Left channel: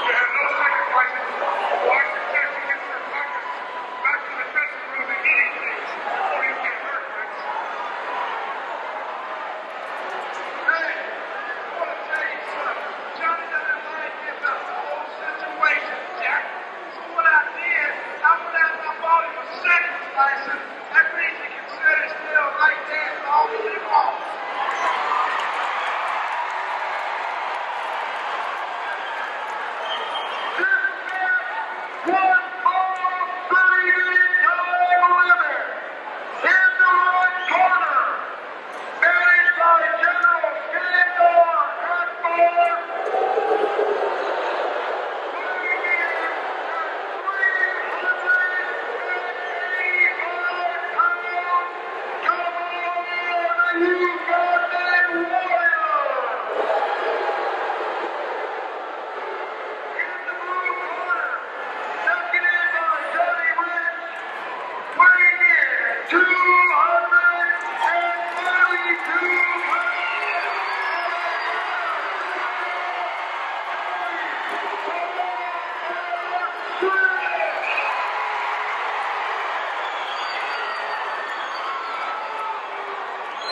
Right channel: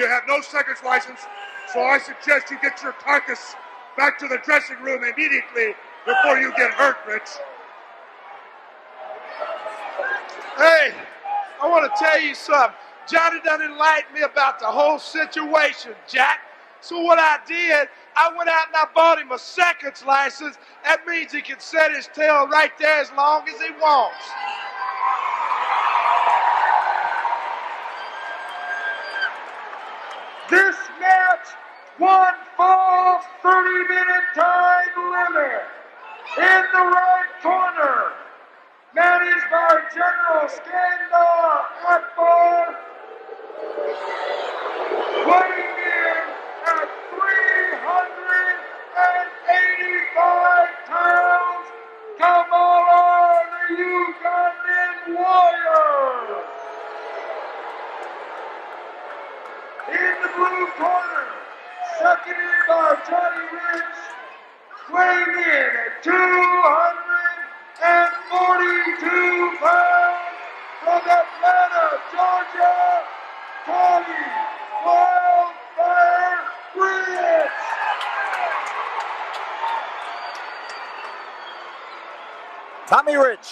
You have no seconds license, so I suggest you get your carcass back to the dressing room immediately before you get hurt, Rich. Hey, I want to tell you something. Johnny done enlightened me about the whole situation, Jack. So what I did, I went out and I bought him a seconds license. That means he can set his tail right there as long as he wants. This match, 1 ball, 3-minute time limit. In the right corner, managed by General Kamala Akbar, weighing in at 385 pounds, Kamala, the Ugandan warrior. In the blue corner, seconded by Tommy Rich, weighing in at 242 pounds, from Atlanta, Georgia, Tommy Wildfire Rich. Tommy Rich,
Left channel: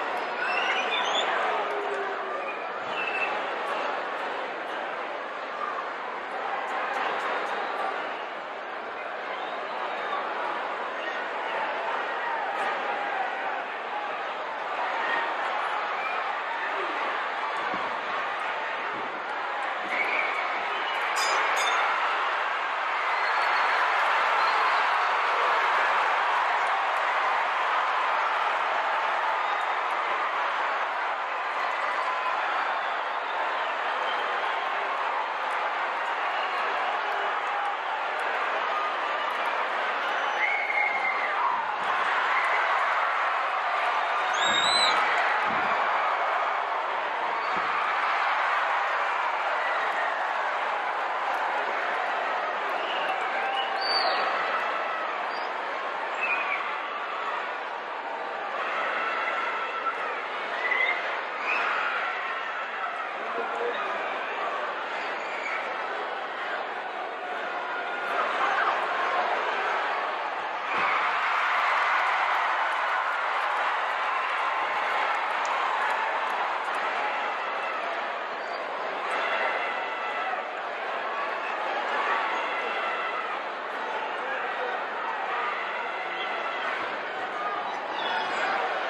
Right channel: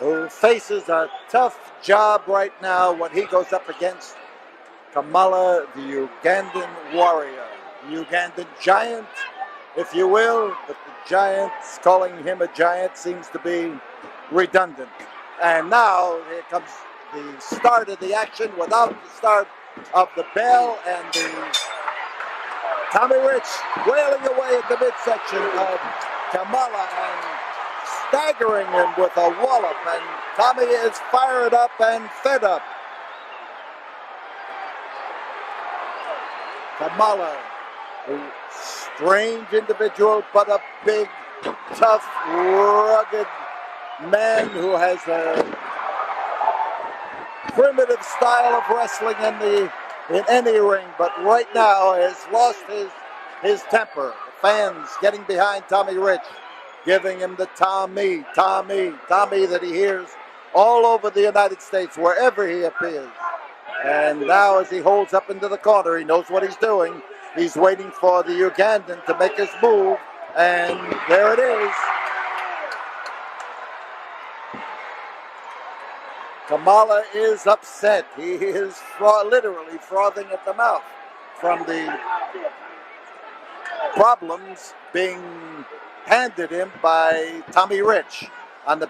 who faces a tough job right now when he goes up against Kamala, the Ugandan warrior, the Ugandan giant, if you will. The Giants, calling him a giant seems to be redundant. And now here comes the start of the action without the start of the bell, and the Tommy Rich wailing away at the midsection of Kamala and staggering him with a wallop, and Tommy is fired up and fed up. Kamala, a strange individual, but a big, tough, rugged man who has a primitive style of wrestling in any ring, but right now has lost his temper. Fans getting behind Tommy Rich, giving him the Tommy that he hears all over the United States, wherever he appears. And now as he holds up into the corner, he knows what he's doing. He's waiting for the Ugandan to make his move, and there it is. Kamala is upset. He is literally frothing at the mouth from the problems being handed him by Tommy Rich. On the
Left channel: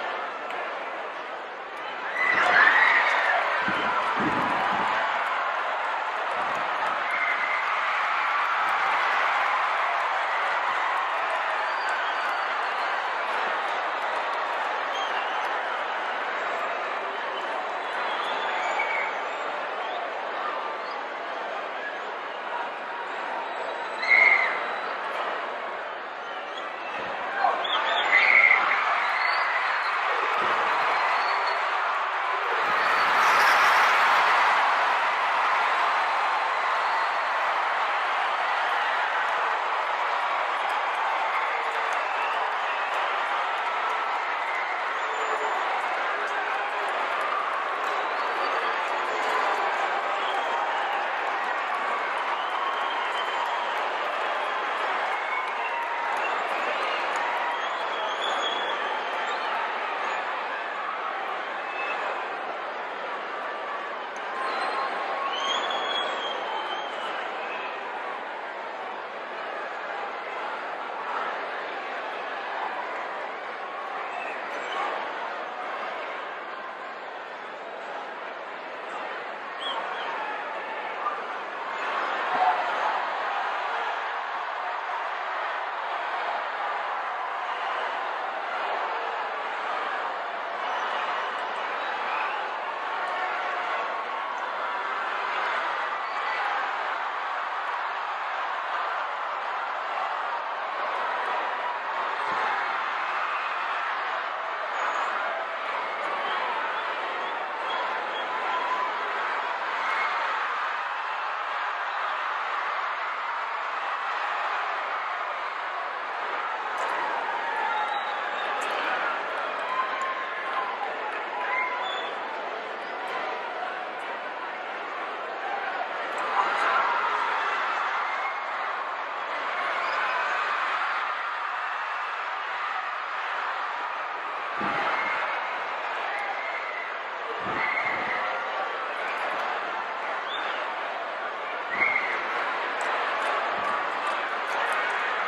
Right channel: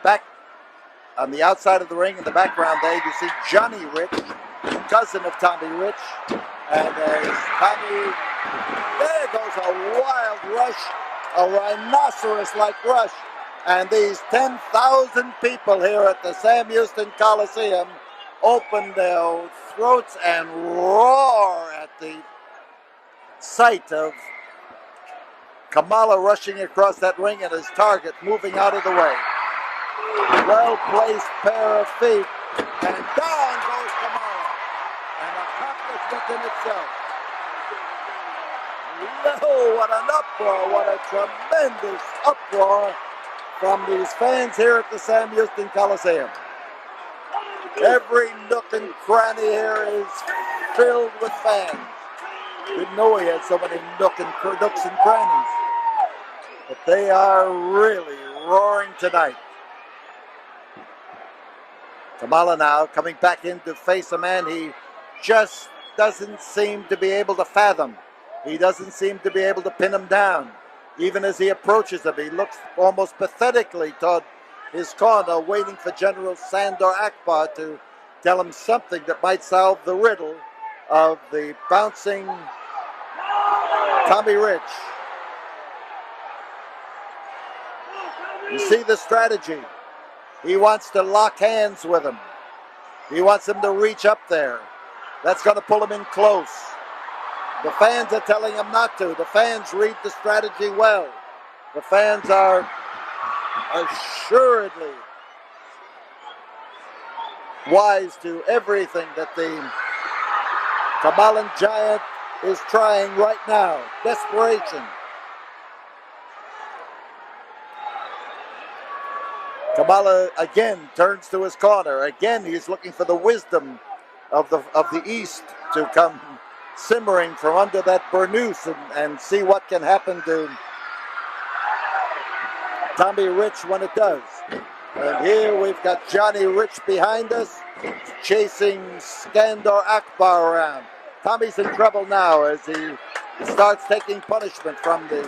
outside of the ring, in the background there, you see Johnny Rich, cousin of Tommy Rich, and as Tommy, there goes a wild rush, a rhinoceros-like rush, and these 10,000 people here at the Sam Houston Coliseum open their throats and roar at the sight of Kamala rushing across that ring and his target moving out of the way. Well-placed pair of feet, and down goes Kamala. And a itself. Oh, what an uproar, what a tremendous uproar from these fans here at the Sam Houston Coliseum. Every nook and cranny here is filled with fans. Didn't know he had so many nooks and crannies. But they are really roaring tonight. Kamala now coming back in to face a man he just doesn't seem to be able to fathom. He doesn't seem to be able to pin him down. Even as he approaches him, he looks almost pathetically toward his corner, waiting for General Sandor Akbar to tell him something that might solve the riddle of the bouncing Tommy Rich. You see the strategy. He wants to lock hands with him. He wants him to reach up there. That's going to pull him in close. The fans are telling him not to. The fans read the strategy well. The fans are assuredly wise to everything that the Kamalan giant is trying right now. Desperation. Kamala again turns to his corner. Again, he's looking for the wisdom of the East to come simmering from under that burnous and see what can happen to Tommy Rich when it does. And here we've got Johnny Rich behind us, chasing Sandor Akbar around. Tommy's in trouble now as he starts taking punishment from the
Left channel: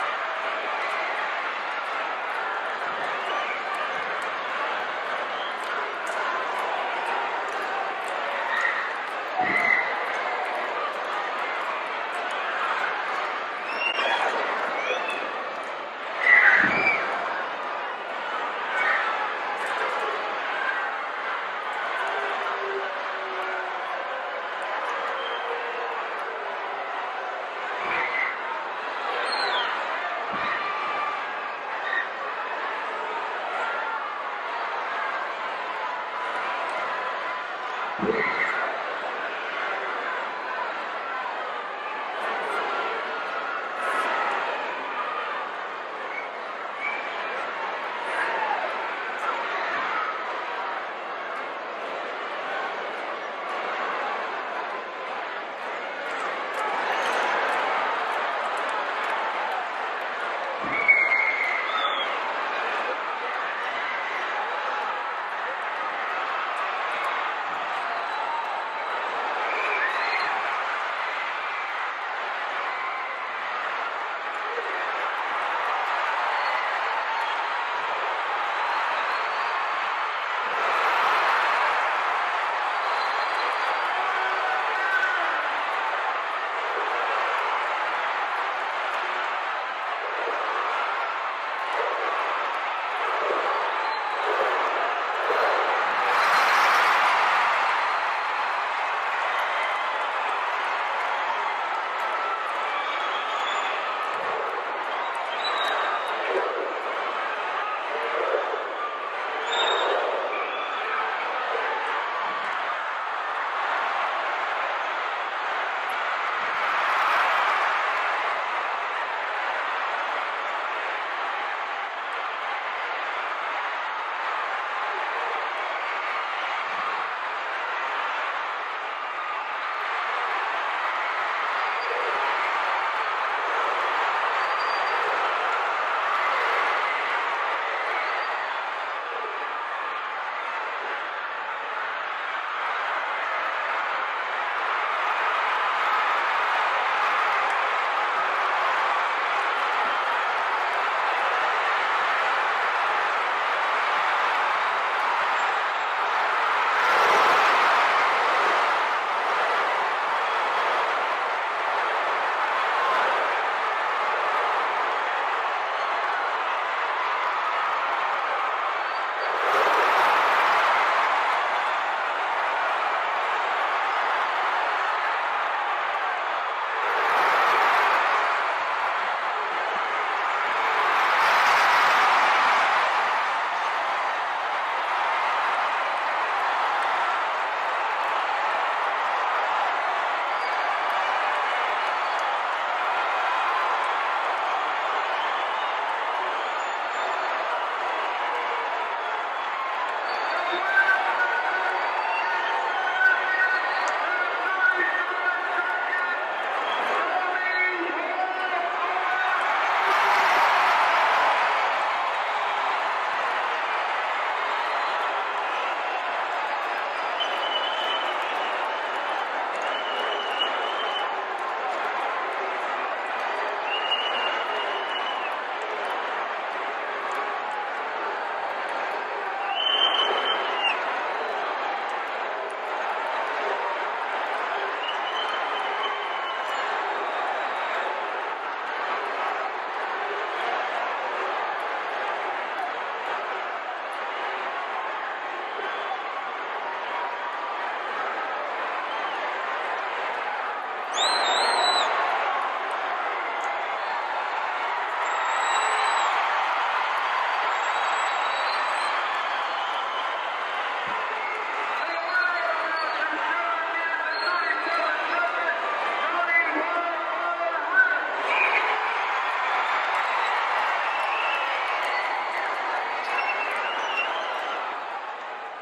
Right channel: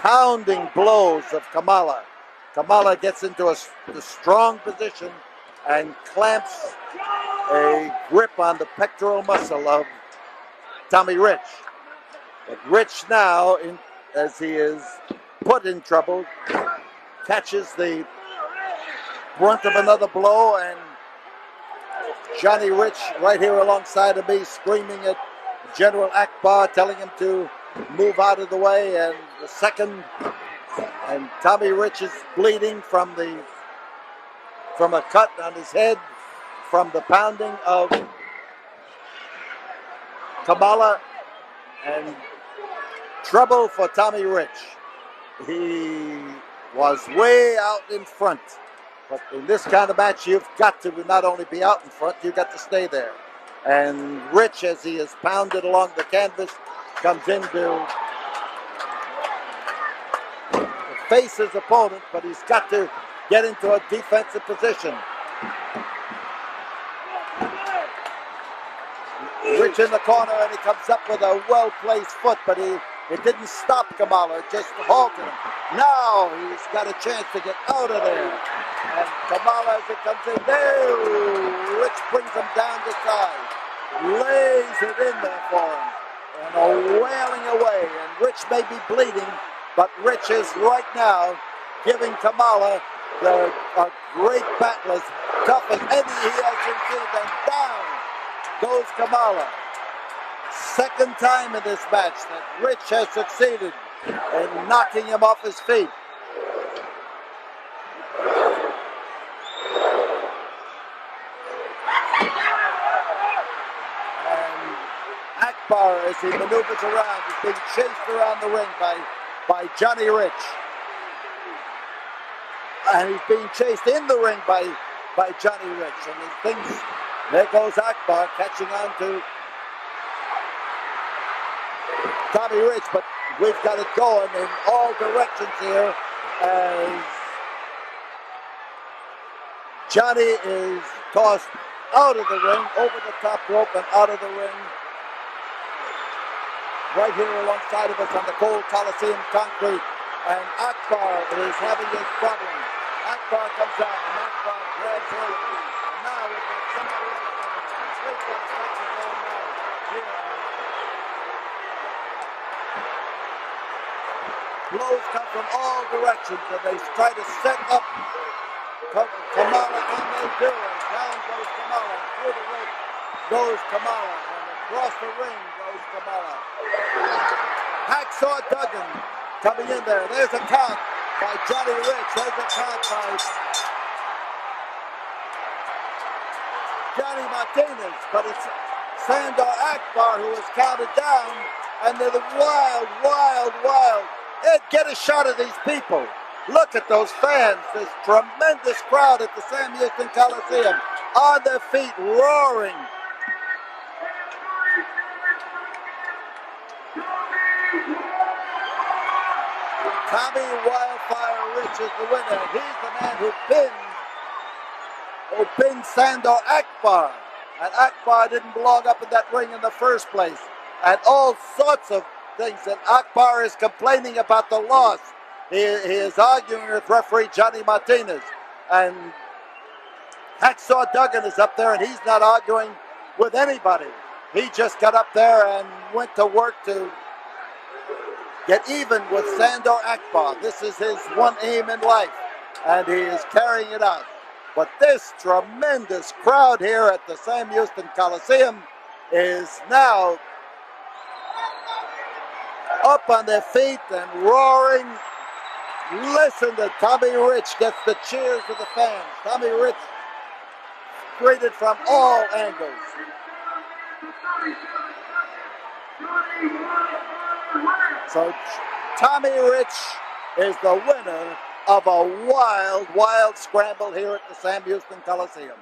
pounding blows of Kamala. Kamala gets into a strong position and clamps a grip on the pectoral muscle of Tommy Rich. But Rich now, as he is put in trouble, catches the brunt of another blow, and Johnny Rich right here alongside of me screaming at General Akbar, telling him to move out of the way, and the second, and Tommy Rich is bleeding from a cut on his head from the pounding of Kamala, and trouble for Tommy Rich. He was way out in front. But in this kind of match, you've got to not only be out in front, you've got to stay there. And Rich, as he is pounded along the canvas, comes in to face his opponent, but he's got to get into a defensive position. Rich in the corner, and he comes up with a well-placed foot, but it didn't stop Kamala, it just halted him. Now he's got a chance to get out of there. And Kamala, as he comes in there, Rich brings him down the side, lays it in there for him, and a wailing away. And Rich may be bleeding, but Rich is right now giving Kamala a great battle, as tough as any he has been through, and down goes Kamala. Second time in this match that Rich has succeeded in knocking him off his feet. And Akbar, as he maneuvers around, is being chased around the ring by Johnny Rich. And he's being chased in the ring by Johnny Rich. And he thinks, there goes Akbar catching on to Tommy Rich, but we've got it going in all directions here as Johnny is tossed out of the ring, over the top rope and out of the ring. Right here alongside of us on the cold Coliseum concrete, and Akbar is having his problem. Akbar comes up. Blows come from all directions, and they try to set up Kamala. Goes Kamala. Across the ring goes Kamala. Hacksaw Duggan coming in there. There's a taunt by Johnny Rich. There's a taunt by Johnny Martinez, but it's Sandor Akbar who is counted down, and they're the wild. Get a shot of these people. Look at those fans. This tremendous crowd at the Sam Houston Coliseum, on their feet, roaring. Tommy Wildfire Rich is the winner. He's the man who pinned Sandor Akbar. And Akbar didn't belong up in that ring in the first place. And all sorts of things that Akbar is complaining about the loss. He is arguing with referee Johnny Martinez. And Hacksaw Duggan is up there, and he's not arguing with anybody. He just got up there and went to work to get even with Sandor Akbar. This is his one aim in life, and he is carrying it out. But this tremendous crowd here at the Sam Houston Coliseum is now up on their feet and roaring. Listen to Tommy Rich gets the cheers of the fans. Tommy Rich greeted from all angles. So Tommy Rich is the winner of a wild scramble here at the Sam Houston Coliseum.